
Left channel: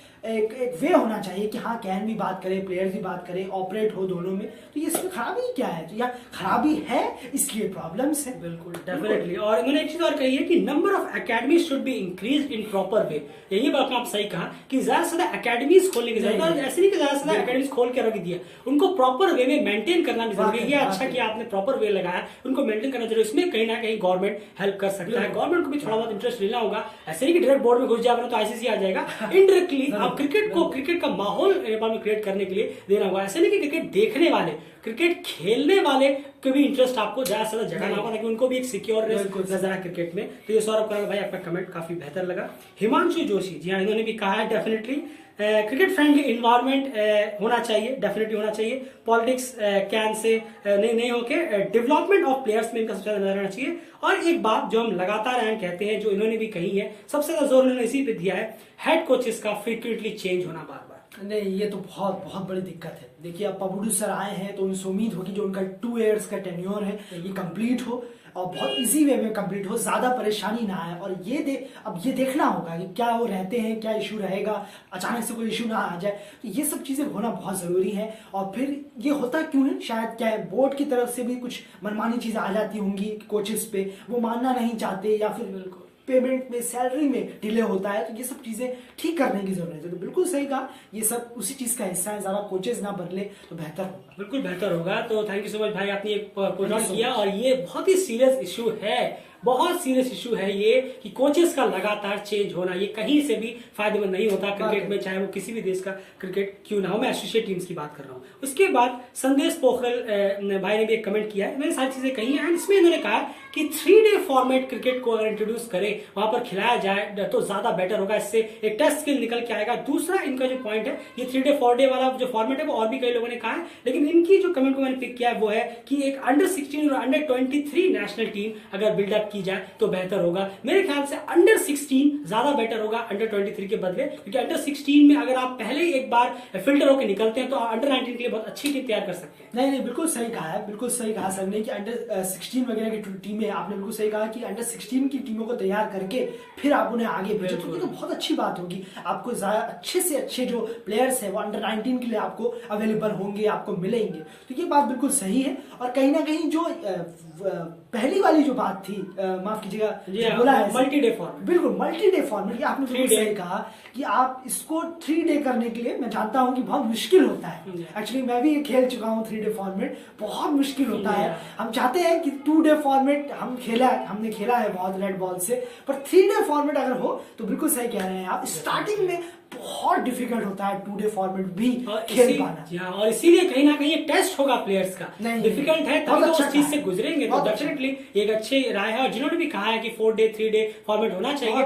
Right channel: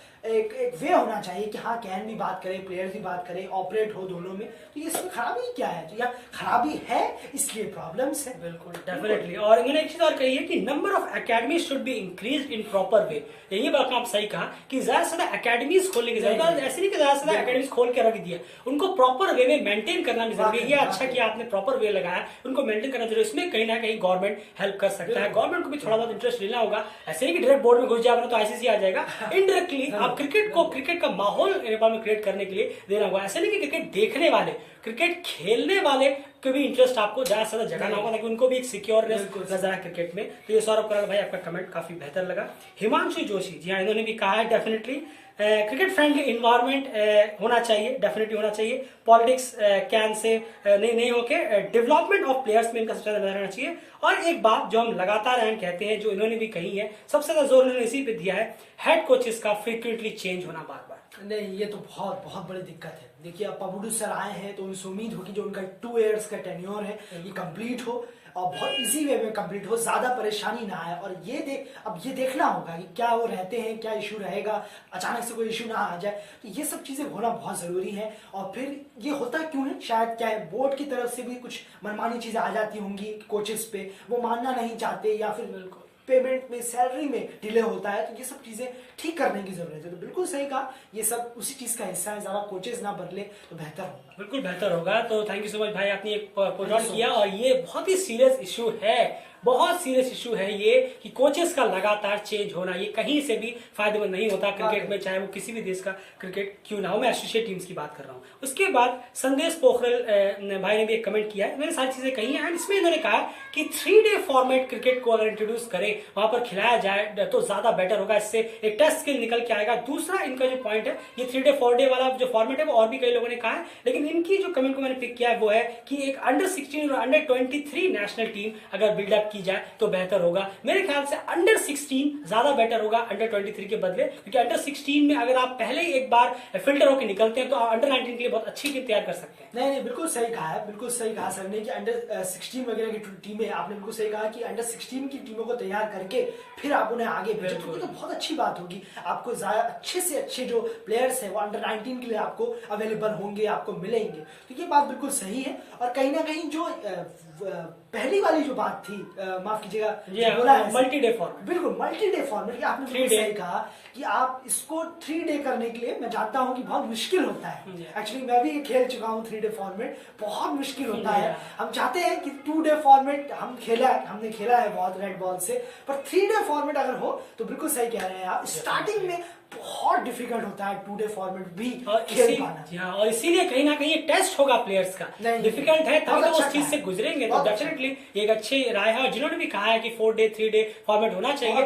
वे होना चाहिए कि हाँ कैन भी बात करे, प्लेयर्स भी बात करे, ऑपरेट हो दोनों में। तो ये इसमें खराबी क्या है? तो या खराबी है इसलिए प्रॉब्लम्स है। बिल्कुल, डेफिनेटली। और इन्होंने एक चीज और कही है कि number of academies should be increase in proper way. यही बात आप सही कहा कि ज्यादा से ज्यादा एकेडमीज खोलने की जरूरत है। ऐसे नहीं कि ज्यादा से ज्यादा एकेडमीज खोल के रख दिया, उनको प्रॉपर वे में मेंटेन करना भी जरूरी है। ये अच्छा कि आपने प्रॉपर वे लगाया, उनको मेंटेन करना जरूरी है। इसमें कहीं ना कहीं गवर्नमेंट हेल्प कर सकता है, गवर्नमेंट को भी थोड़ा बहुत इंटरेस्ट लेना होगा। ऐसे नहीं कि डायरेक्ट बोर्ड में घुस जाएगा तो आईसीसी आ जाएगा। इनडायरेक्टली आप क्रिकेट का माहौल नेपाल में क्रिएट करने के लिए देना होगा। ऐसे नहीं कि क्रिकेट देखने वाले, क्रिकेट खेलने वाले के भी इंटरेस्ट आपको ज्यादा से ज्यादा जगाना होगा ताकि उनको भी एक सिक्योरनेस नजर आए क्रिकेट में। तो ये सौरभ कराड़ भाई आपका कमेंट काफी बेहतर लगा। हिमांशु जोशी जी हाँ, इन्होंने भी कहा है डेफिनेटली क्रिकेट फ्रेंडली इन्वायरमेंट होना चाहिए, डेफिनेटली होना चाहिए। पॉलिटिक्स कैन से नहीं होके डेवलपमेंट ऑफ प्लेयर्स में इनका सबसे ज्यादा नजर आना चाहिए। और एक बात जो हम लगातार कहते हैं, जो इन्होंने भी कही है, सबसे ज्यादा जोर इन्होंने इसी पे दिया है, हेड कोचेस का फ्रीक्वेंटली चेंज होना बार बार। नहीं, ये तो बहुत बहुत बड़ी दिक्कत है। देखिए अब पबुडू सर आए हैं तो उनसे उम्मीद होगी जो उनका 2 इयर्स का टेन्योर है ये कंप्लीट हो और बहुत इजी वे में कंप्लीट हो, ज्यादा परेशानी ना आए। और अब ये देखना होगा कि क्या वो रहते हैं, क्या इशू रहेगा, अचानक से कोई इशू ना आ जाए। तो ये सब चीजें होना बहुत जरूरी है। और फिर ये होता क्यों है, शायद क्या है, बोर्ड की तरफ से भी कुछ मनमानी चीजें आ जाती होंगी कोचेस पे, वो मानना नहीं चाहते, या फिर पेमेंट में, सैलरी में डिले होता है। तो ये सब चीजें ठीक करने की जरूरत है। तो बिल्कुल सही कहा, ये सब उसी चीज का हिस्सा है। ज्यादा कोचेस ना बदले तो बेहतर होगा। बिल्कुल बेहतर होगा। तो थैंक यू सो मच भाई, आपने एक पॉइंट आउट किया और ये बहुत ही सीरियस इशू है, बहुत सीरियस इशू है ये कि कोचेस का लगातार चेंज होना ये कहीं से भी फायदेमंद नहीं होता क्रिकेट में, चाहे वो किसी भी देश का क्रिकेट क्यों ना हो। मैं एसोसिएट टीम्स की बात कर रहा हूँ। उसके बाद संदेश पोखरल भाई ने भी एक कमेंट किया है, मैंने सारी चीजें कही हैं। इसमें इन्होंने कहा कि 3 डे फॉर्मेट क्रिकेट को अगर इंट्रोड्यूस करें, वहां पर खिलाया जाए तो ज्यादा बेटर होगा। इससे एक टेस्ट स्किल निकल के आएगा। दूसरा इनका जो पॉइंट है, ये 3 डे 4 डे वाला जो फॉर्मेट है वो और भी कई लोगों ने कहा है, लेकिन इनकी जो कमेंट को मैंने पिक किया है वो है कि एक अंडर 16 और अंडर 23 नेशनल टीम अगर बिल्डअप की जाए तो बेहतर होगा। मेरे ख्याल से अंडर 16 ज्यादा बेटर होगा अंडर 23 के बदले, क्योंकि अंडर 16 में अगर आप पहले ही एक बार फिल्टर होकर निकलते हैं तो अंडर 19 के लिए बहुत अच्छी टीम तैयार कर सकते हैं। नहीं, बिल्कुल सही कहा है, बिल्कुल सही कहा सर ने कि अंडर 16 वगैरह की टीमें, आपने बिल्कुल सही कहा कि अंडर 16 की टीमों को तैयार करके फिर आप उन्हें आगे भेजो, तो बहुत अच्छी बात होगी। आपको अच्छे से अच्छे जो प्लेयर्स है वो अंडर 19 के लिए आपको अवेलेबल होंगे, आपको मिलेंगे। तो ये बात बिल्कुल सही है। और कहीं ना कहीं जो पहली वाली जो बात थी, माफ कीजिएगा, बोला है मल्टी डे फॉर्मेट, बिल्कुल मल्टी डे फॉर्मेट, आपने बिल्कुल सही कहा कि आप इसको 3 डे करने के लिए, मैं जानता हूं कि बहुत मुश्किल होता है। एक्चुअली मैं भी खेल चुका हूं 3 डे फॉर्मेट, बहुत मुश्किल होता है। हम चाहते हैं कि 2 डे फॉर्मेट हमने खेला है बहुत रेड बॉल से, पर 3 डे फॉर्मेट अगर हो तो बिल्कुल सही कह रहे हैं आप। स्टार्टिंग में बहुत डिफिकल्ट होता है 2 डे फॉर्मेट भी खेल पाना, और इसीलिए कहीं ना कहीं ये टेस्ट होगा प्लेयर्स का, डिफिकल्ट है तभी तो उस चीज से गुजरेंगे। तो डेफिनेटली एक अच्छी राय है। और जिन्होंने भी कहा है कि 4 डे 3 डे फॉर्मेट होना चाहिए,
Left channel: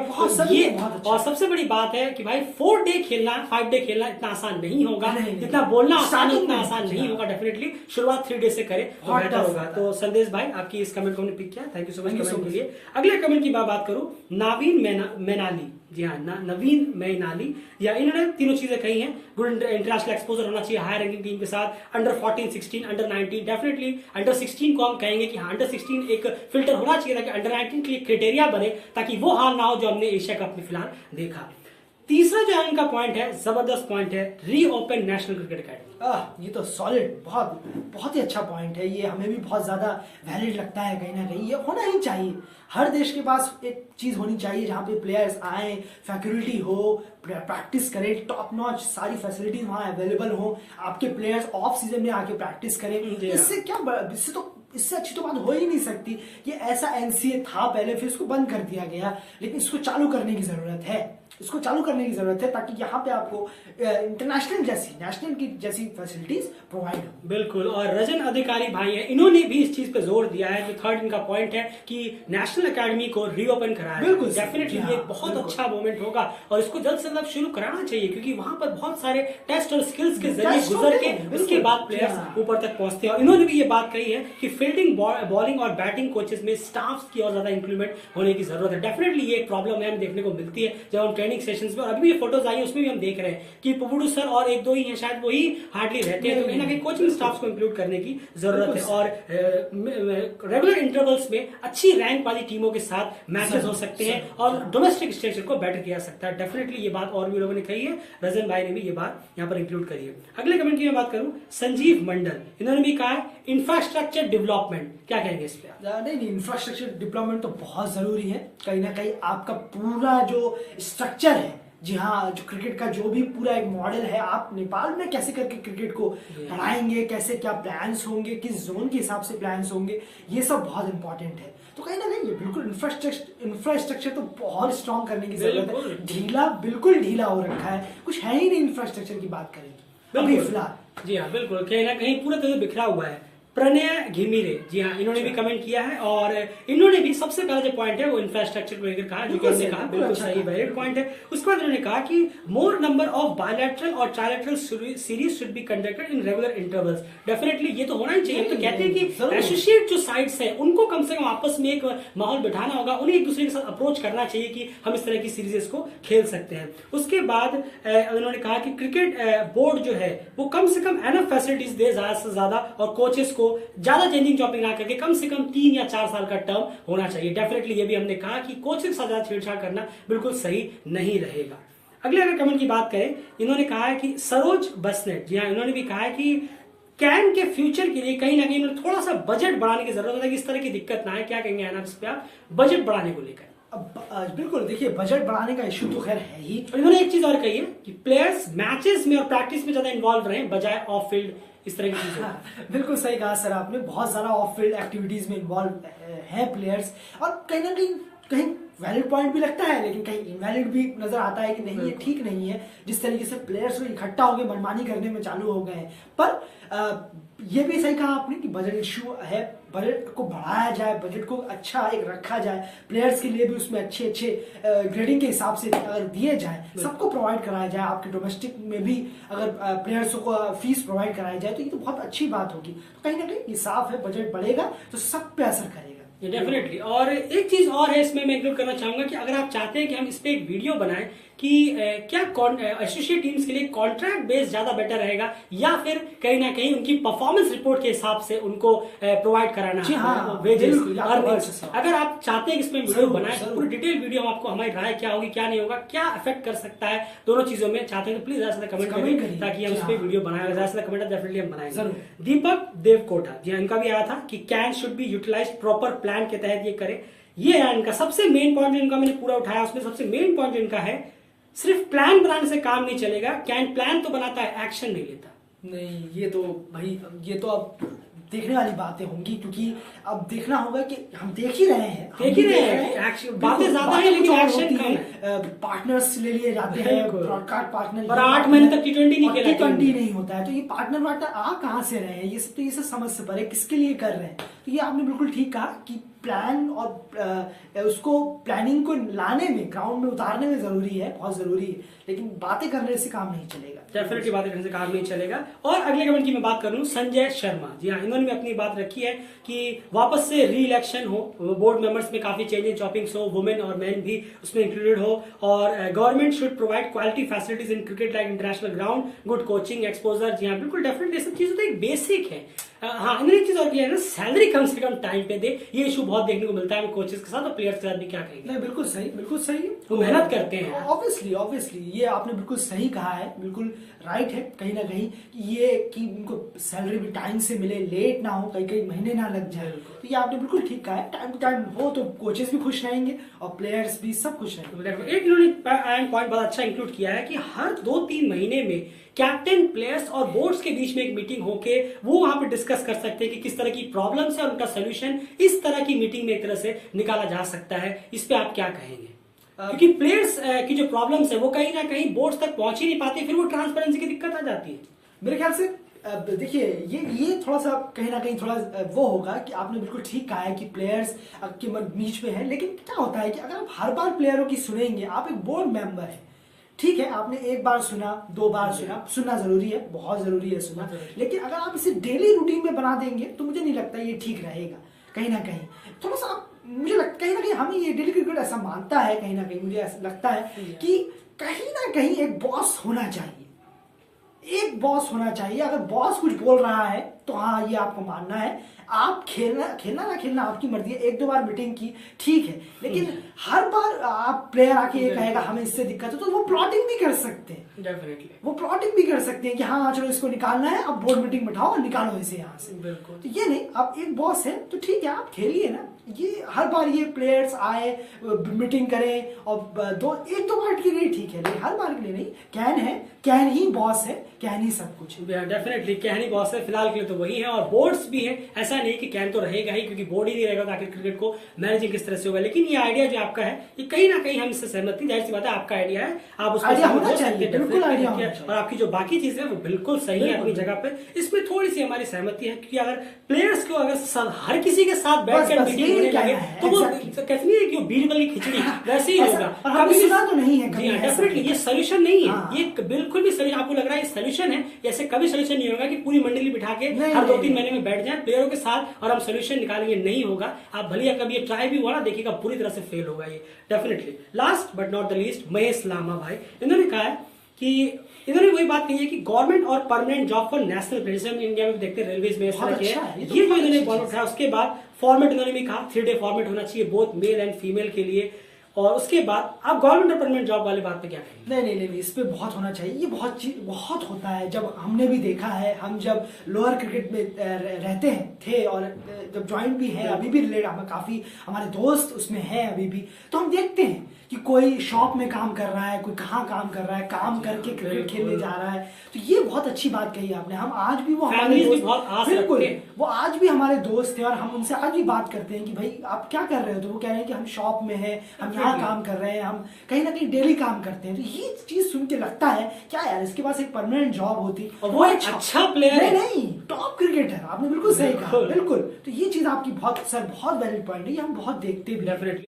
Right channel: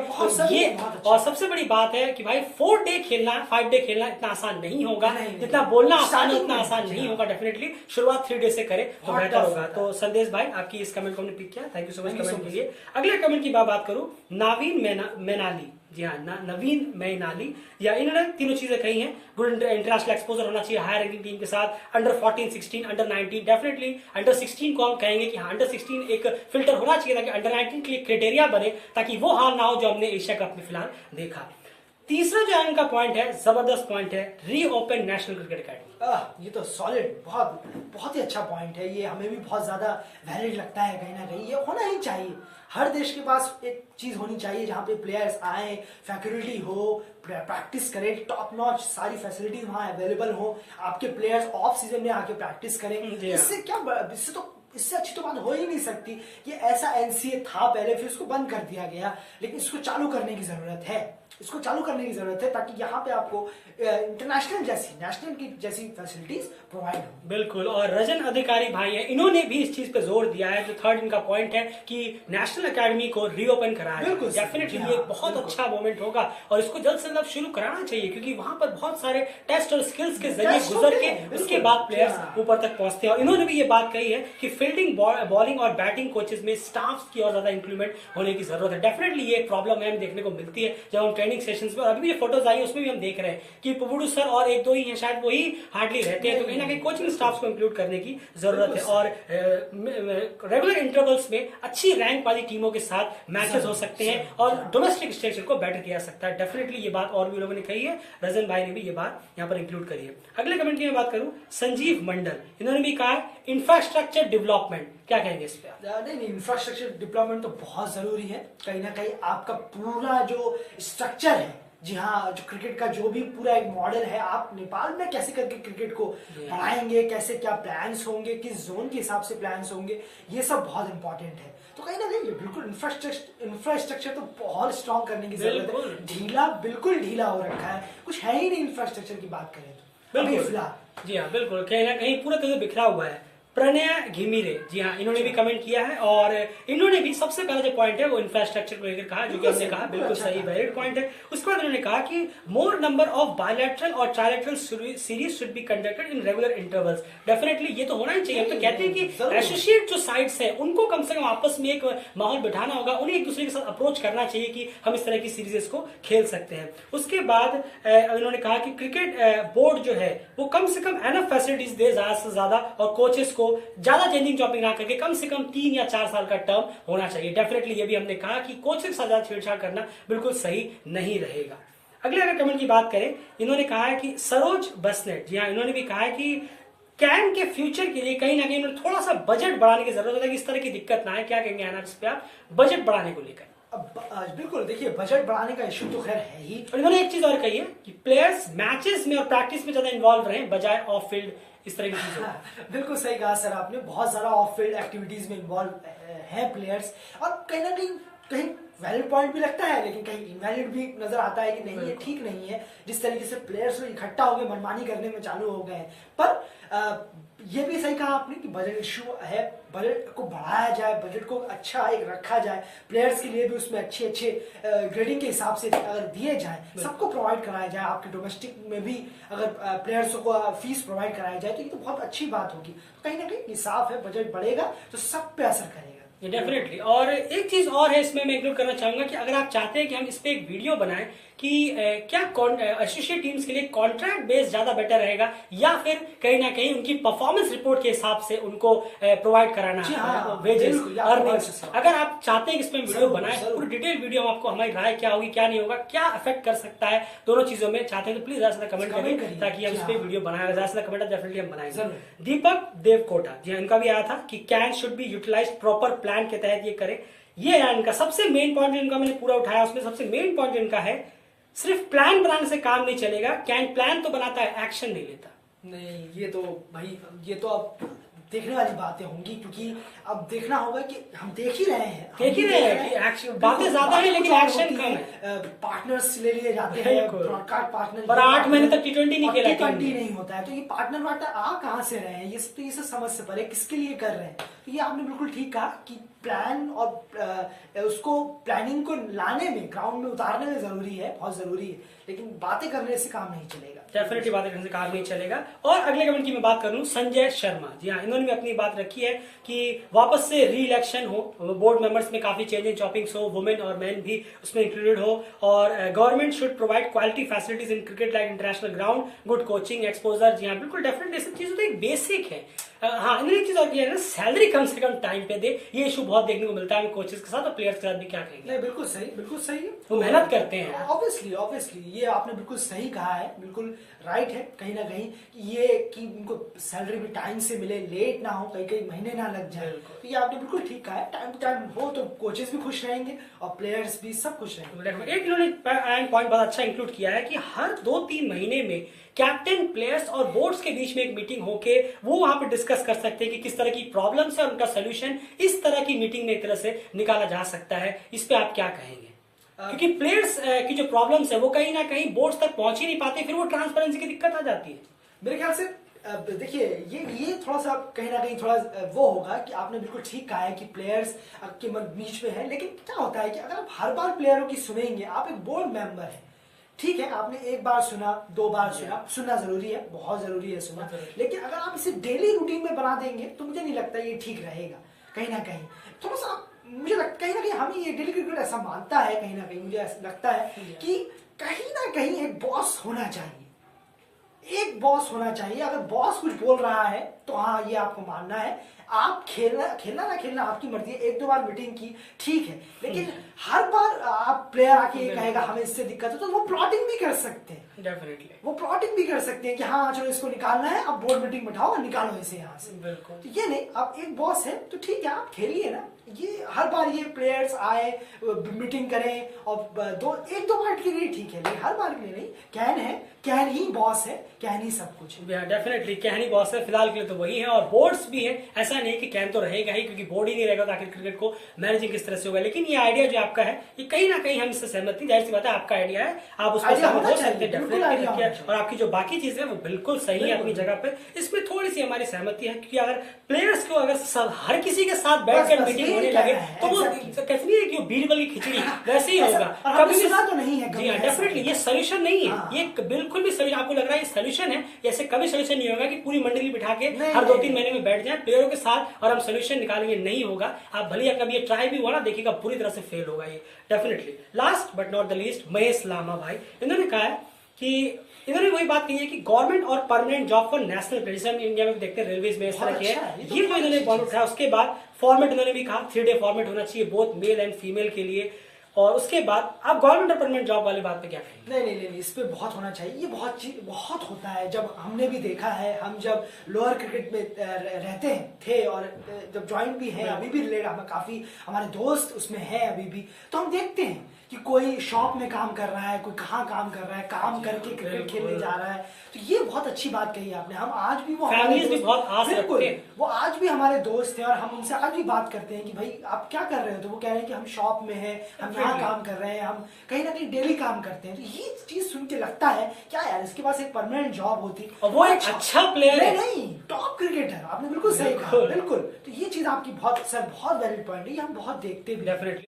ये और सबसे बड़ी बात है कि भाई 4 डे खेलना, 5 डे खेलना इतना आसान नहीं होगा, जितना बोलना आसान है उतना आसान नहीं होगा। डेफिनेटली शुरुआत 3 डे से करें तो बेहतर होगा। तो संदेश भाई, आपकी इस कमेंट को हमने पिक किया, thank you so much comment के लिए। अगले कमेंट की बात करूं, नावीन मैनाली, जी हाँ, नवीन मैनाली, या इन्होंने तीनों चीजें कही हैं। गुड इंटरनेशनल एक्सपोजर होना चाहिए हायर रैंकिंग टीम के साथ, अंडर 14, 16, अंडर 19। डेफिनेटली अंडर 16 को हम कहेंगे कि हाँ, अंडर 16 एक फिल्टर होना चाहिए ताकि अंडर 19 के लिए क्राइटेरिया बने, ताकि वो हाल ना हो जो हमने एशिया कप में फिलहाल देखा। तीसरा जो इनका पॉइंट है, जबरदस्त पॉइंट है, रीओपन नेशनल क्रिकेट अकेडमी। ये तो सॉलिड, बहुत बहुत ही अच्छा पॉइंट है। ये हमें भी बहुत ज्यादा वैलिड लगता है। कहीं ना कहीं ये होना ही चाहिए। हर देश के पास एक चीज होनी चाहिए जहां पे प्लेयर्स आए, फैकल्टी हो, प्रैक्टिस करें, टॉप नॉच सारी फैसिलिटीज वहां अवेलेबल हो, आपके प्लेयर्स ऑफ सीजन में आके प्रैक्टिस करें। इससे अच्छी तो बात बात हो ही नहीं सकती कि ऐसा एनसीए था पहले फिर उसको बंद कर दिया गया, लेकिन इसको चालू करने की जरूरत है, इसको चालू करने की जरूरत है ताकि यहाँ पे आपको इंटरनेशनल जैसी नेशनल की जैसी फैसिलिटीज प्रोवाइड हो। बिल्कुल, और रजन अधिकारी भाई है, इन्होंने भी इस चीज पे जोर दिया है, जो थर्ड इनका पॉइंट है कि नेशनल एकेडमी को रीओपन कराया। बिल्कुल डेफिनेटली ये बहुत अच्छा मोमेंट होगा और इसको जल्द से जल्द शुरू कराना चाहिए, क्योंकि वहां पर बहुत सारे टेस्ट और स्किल्स के जरिए गुजर के उसके बाद प्लेयर्स ऊपर तक पहुंचते हैं। और इन्होंने भी ये बात कही है कि फील्डिंग, बॉलिंग और बैटिंग कोचेस में स्टाफ की और ज्यादा इंक्रीमेंट होने की जरूरत है। डेफिनेटली ये प्रॉब्लम है, हम देखने को मिलती है जब हम ट्रेनिंग सेशंस में, अभी भी ये फोटोज आई है उसमें भी हम देख रहे हैं कि पुबुडू सर और एक दो ही हैं शायद, वही हार्डली रहते हैं। तो कहीं ना कहीं कोचिंग स्टाफ को इंक्लूड करने की जरूरत है और रेगुलर इंटरवल्स में अच्छी रैंक वाली टीमों के साथ मैचेस हो सकते हैं और डोमेस्टिक स्ट्रक्चर को बेटर किया सकता है। डेफिनेटली ये बात और भी लोगों ने कही है, रजन भाई ने भी ये बात यहाँ पर इंक्लूड करी है। अगले कमेंट की मैं बात करूं, संजीव मंडल, इन्होंने भी कहा है इंफ्रास्ट्रक्चर डेवलपमेंट, क्या कहेंगे इस पे? नहीं, इंफ्रास्ट्रक्चर डेवलपमेंट तो बहुत जरूरी है। कहीं ना कहीं आपका पूरा जो स्ट्रक्चर है, जी हाँ, जो क्रिकेट का जो भी पूरा एक मॉडल है, आप नेपाल में कैसे करके क्रिकेट को बढ़ाएंगे, कैसे क्या प्लान्स होंगे, किस जोन के हिसाब से प्लान्स होंगे, ये सब बहुत इंपॉर्टेंट है। तो कहीं ना कहीं बिल्कुल इंफ्रास्ट्रक्चर तो बहुत स्ट्रॉन्ग करने की जरूरत है। ढीला, बिल्कुल ढीला हो रखा है, कुछ है ही नहीं इंफ्रास्ट्रक्चर की बात करें अभी फिलहाल। जी हाँ, बिल्कुल, कहीं ना कहीं पूरा तरह बिखरा हुआ है। प्रणय घिमिरे, जी हाँ, इन्होंने भी कमेंट किया है और इन्होंने भी सबसे पहला जो पॉइंट है वो इंफ्रास्ट्रक्चर को लेकर कहा, जो कि हमने कहा बिल्कुल सही वैलिड पॉइंट है। उसके बाद उन्होंने कहा कि मोर नंबर ऑफ बायलैटरल और trilateral series should be conducted in regular intervals. Definitely ये तो होना ही चाहिए। हम तो कहते हैं कि एसोसिएट जो साइड्स है उनको कम से कम आपस में एक माहौल बिठाना होगा, उन्हें एक दूसरे के साथ अप्रोच करना चाहिए कि हम इस तरह की सीरीजेस को खेल सकते हैं। उसके बाद उन्होंने कहा कि क्रिकेट बोर्ड जो है वो कम से कम एनफ फैसिलिटीज दे ज्यादा से ज्यादा और कोचेस को ज्यादा चेंजिंग जॉपिंग ना करके कम से कम 3 या 4 साल का टर्म होना चाहिए। डेफिनेटली ये भी हमने कहा कि कोचेस के साथ ज्यादा छेड़छाड़ करना बिल्कुल सही नहीं रहेगा। अगले अगर कमेंट की बात करें, इन्होंने कहा है कि सरोज बसनेट, जी हाँ, इन्होंने भी कहा है कि कैन के फ्यूचर के लिए कहीं ना कहीं इन्होंने थोड़ा सा बजट बढ़ाने की जरूरत है कि इस तरह की दिक्कत ना है। क्या कहेंगे आना इस पे आप, बजट बढ़ाने को लेकर? बिल्कुल, देखिए बजट बढ़ाने का इश्यू तो खैर है ही। और इन्होंने एक चीज और कही है कि प्लेयर्स मैचेस में और प्रैक्टिस में ज्यादा इन्वॉल्व रहे बजाय ऑफ फील्ड इस तरह की चीजें। बिल्कुल सही कहा सर आपने, बहुत ज्यादा ऑफ फील्ड एक्टिविटीज में इन्वॉल्व है प्लेयर्स, और कहीं ना कहीं वैलिड पॉइंट भी लगता है, लेकिन कहीं इनवैलिड भी नजर आता है कि नहीं, ये ठीक नहीं है जिस तरीके से प्लेयर्स इकट्ठा हो गए मनमानी करने में चालू हो गए हैं। पर ये भी सही कहा आपने कि बजट इश्यू है, बजट को बढ़ाया जाए, बजट को अच्छा एक रखा जाए, प्लेयर्स के लिए भी उसमें अच्छे ग्रेडिंग के हिसाब से अगर दिए जाए, सबको प्रोवाइड कराया जाए, आपके डोमेस्टिक में भी अगर प्लेयर्स को फीस प्रोवाइड कराया जाए तो ये तो बहुत अच्छी बात होगी। तो कहीं ना कहीं ये साफ है, बजट बढ़ेगा तो सब पे असर करेगा। डेफिनेटली। और एक चीज और है इसमें मैं इंक्लूड करना चाहूंगा कि अगर आप चाहते हैं कि हम इस पे एक वीडियो बनाएं कि क्या एसोसिएट टीम्स के लिए कॉन्ट्रैक्ट बेस ज्यादा बेटर रहेगा या फिर कहीं ना कहीं उनकी परफॉर्मेंस रिपोर्ट के हिसाब से उनको प्रोवाइड कराना वेजेस, अर्निंग्स, अगर आप चाहते हैं कि इसमें वीडियो बनाए, पूरी डिटेल वीडियो हम आपको हमारी राय क्या होगी क्या नहीं होगा, क्या अफेक्ट कर सकता है दोनों चीजों में, चाहते हैं तो प्लीज ज्यादा से कमेंट करें ताकि हम इस पे वीडियो बनाए, ज्यादा से कमेंट डेफिनेटली हम बनाएंगे। दीपक देवकोटा, जी इनका भी आया था कि can should be utilize proper plan के तहत ये करे। ये है इनका सबसे मेन पॉइंट, इनका मैंने पूरा उठाया, उसमें सबसे मेन पॉइंट इनका है सिर्फ प्लान बनाने से काम नहीं चलेगा, कैन प्लान तो बनाता है, एक्शन नहीं लेता। नहीं, ये तो भाई, ये तो अब देखने वाली बातें होंगी, क्योंकि अब देखना होगा कि हम देख ही रहे हैं कि एक्शन, बातें ज्यादा है लेकिन एक्शन कम है। पार्टनर्स ले लिए जाते हैं, ब्रॉडकास्ट पार्टनर, और 8 महीने तक T20 नहीं खेला, T20 नहीं होता है, तो ये पार्टनर आ कहाँ से रहे हैं, ये सब समझ से परे किसके लिए कर रहे हैं। तो ये आपने बिल्कुल ठीक कहा कि प्लान और उसको प्लानिंग को लाने में, ग्राउंड में उतारने में जरूरी है, बहुत जरूरी है, लेकिन बातें करने से काम नहीं चलेगा। डेफिनेटली बातें करने से काम नहीं चलेगा। और अगले कमेंट की मैं बात करूं, संजय शर्मा, जी हाँ, इन्होंने भी अपनी बात रखी है कि वापस से री इलेक्शन हो, बोर्ड मेंबर्स में काफी चेंज एंड चॉपिंग्स हो, वुमेन और मेन भी उसमें इंक्लूडेड हो, और government should provide quality facilities in cricket like international ground, good coaching, exposure. जी हाँ, बिल्कुल डेफिनेटली सब चीजें तो एक बेसिक है। हाँ, इन्होंने एक चीज और किया है ना, सैलरी कम से कम टाइम पे दे, ये इशू बहुत देखने को मिलता है कोचेस के साथ और प्लेयर्स के साथ भी। क्या कहेंगे? नहीं, बिल्कुल सही, बिल्कुल सही, वो मेहनत करते हैं। ऑब्वियसली ये आपने बिल्कुल सही कहा है, बिल्कुल राइट है। कहीं ना कहीं ये कि उनको सैलरी भी टाइम से मिले, लेट ना हो, कई महीने ना लग जाए, तो ये आपने बिल्कुल ठीक कहा है। टाइम टू टाइम हो तो कोचेस भी खुश रहेंगे और प्लेयर्स भी सब खुश रहेंगे। एक इन्होंने पॉइंट बहुत अच्छा इंक्लूड किया है कि हर 2-3 महीने में कैप्टन, प्लेयर्स और बोर्ड्स के बीच में एक मीटिंग होके वो वहां पे डिस्कस कर सकते हैं कि किस तरह की प्रॉब्लम्स है और उनका सोल्यूशन इस तरह की मीटिंग में एक तरह से निकाला जा सकता है। इस पे आप क्या कहेंगे? क्योंकि प्लेयर्स की जो प्रॉब्लम्स है वो कहीं ना कहीं बोर्ड्स तक पहुंच ही नहीं पाते, फिर वो ट्रांसपेरेंसी की दिक्कत आ जाती है। मेरे ख्याल से देखिए ये थोड़ा सा कहीं ना कहीं थोड़ा वो होगा कि आपने बिल्कुल ठीक कहा है कि प्लेयर्स के बीच में है, लेकिन क्या होता है कि अगर आप हर बार प्लेयरों की सुनेंगे, आप एक बोर्ड मेंबर है, ठीक है, आपने एक बार सुना, 2 बार सुनना जरूरी है, बहुत जरूरी है सुनना, लेकिन अगर आप इसे डेली रूटीन में बना देंगे तो मुझे नहीं लगता ये ठीक रहेगा। कहीं ना कहीं थोड़ा सा मुझे लगता कहीं ना कहीं हमें ये डेली क्रिकेट ऐसा मानता है, कहीं ना कहीं मुझे ऐसा लगता है कि कहीं ना कहीं एक बॉस होना चाहिए, एक बॉस होना चाहिए। अगर बॉस कुछ बोल रहा है तो हाँ ये आपको मानना है, आप खेलना ना खेलना आपकी मर्जी है, 1-2 बार मीटिंग की ठीक है, लेकिन हर बार आप प्लेयर आके ये कहेगा हमें इससे दिक्कत है, तो वो प्लॉटिंग भी कर सकते हैं। डेफिनेटली वो प्लॉटिंग भी कर सकते हैं कि हाँ चलो इसको निकालना है, अब बोर्ड मीटिंग बिठाओ और निकालो इसे यहाँ से। बिल्कुल। तो ये नहीं, आप एक बॉस है तो ठीक है आप खेलिए ना, ये हर बार ये प्लेयर्स आए मीटिंग करें और 1-2 बार के लिए ठीक है, लेकिन हर बार के लिए नहीं। कैन है, कैन ही बॉस है, कैन ही सब कुछ है। डेफिनेटली कैन ही बॉस है, फिलहाल के लिए तो वही है, और बोर्ड्स भी है। ऐसा नहीं कि कैन तो रहेगा ही, क्योंकि बोर्ड ही नहीं रहेगा तो आखिर क्रिकेट को मैनेजिंग किस तरह से होगा। लेकिन ये आइडिया जो आपका है ये कहीं ना कहीं हम इससे सहमत नहीं, जाहिर सी बात है आपका आइडिया है, आप उसको सहमत हो सकते हैं। और आपकी जो बाकी चीजें वो बिल्कुल सही है अपनी जगह पे। इसमें थोड़ी सी हमारी सहमति है, क्योंकि अगर प्लेयर्स को अगर हर किसी के साथ बैठकर मीटिंग होने लगे तो वो कहते नहीं है कि वो बीरबल की खिचड़ी वैसे ही होगा। कभी सुना तो नहीं है। जी हाँ, डेफिनेटली ये सोल्यूशन नहीं है, ये बिल्कुल भी सोल्यूशन आपको लग रहा है ये सोल्यूशन है, ऐसे कभी सोल्यूशन नहीं होगा कि पूरी मंडली बिठा के हर 2-3 महीने में बैठ जाए प्लेयरों के साथ और हम सोल्यूशन निकालेंगे, नहीं होगा। आप भले कभी ये ट्राई भी हुआ ना, देखिएगा पूरी तरह से फेल होगा ये definitely. Last but not the least, Mahesh Lama भाई, इन्होंने कहा है कि इन्होंने वही बात कही है कि गवर्नमेंट और permanent job for national players, हम इंडिया में देखते हैं रेलवेज में इस तरह के है, ये जो इन्होंने पॉइंट उठाया। उसके बाद फॉर्मेट इन्होंने भी कहा 3-डे फॉर्मेट होना चाहिए बोथ मेल एंड फीमेल के लिए। और उसके बाद आप गवर्नमेंट और परमानेंट जॉब वाली बात पे क्या कहेंगे? नहीं, इस पे बहुत होना चाहिए। ये बहुत होता है, जब हमने भी देखा है, हम जब लोअर क्रिकेट में रहते हैं थे और जब ज्वाइन भी है अभी भी रिलेट, हमें काफी हमारे दोस्त उसमें है अभी भी, तो हम देखते हैं कि कोई शॉप में काम कर रहा है, कोई कहाँ काम कर रहा है, काम करके क्रिकेट खेलने जा रहा है। तो ये बहुत अच्छी बात कही आपने। हम आज भी वो बिल्कुल वो आज भी हमारे दोस्त थे और हम उनसे आज भी बात करते हैं कि भाई आप क्या कर रहे हो, तो वो कह रहे हैं कि हम शॉप में हैं, हम यहाँ काम कर रहे हैं, हम कहीं ना कहीं डेली काम करते हैं। तो ये चीज सुन के लगता है क्या यार, इसके पास एक परमानेंट जॉब होती और वो एक अच्छा प्लेयर है, नहीं टॉप क्रिकेटर। आपने बिल्कुल सही कहा, बिल्कुल। तो ये चीज आपकी बहुत वैलिड पॉइंट है, ये हम बहुत देखते भी। डेफिनेटली।